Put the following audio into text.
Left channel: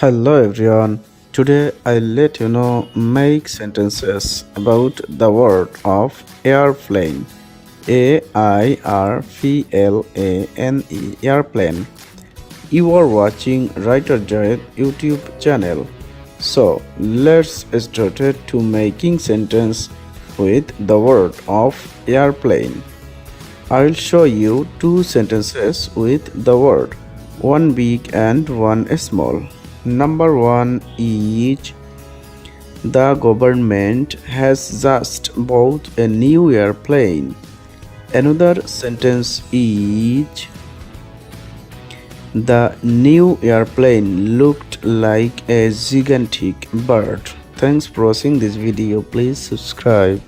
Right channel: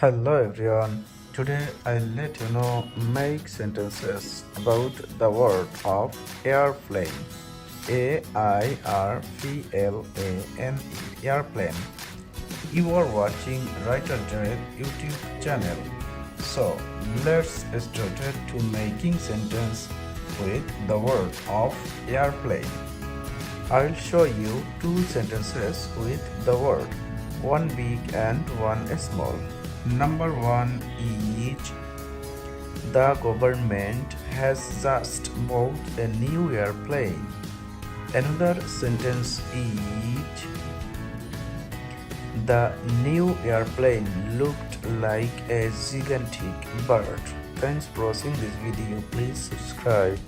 Hello everyone. Today I'll let you know make sentences about the word of airplane. Airplane. Airplane. You are watching Writer Jared YouTube channel. So let's start it to making sentence with the word of airplane. I'll show you two sentences with the word, one big and one small. Number one is the government has just bought a new airplane. Another sentence is the new airplane looked like a gigantic bird. Thanks for watching this video. Please subscribe.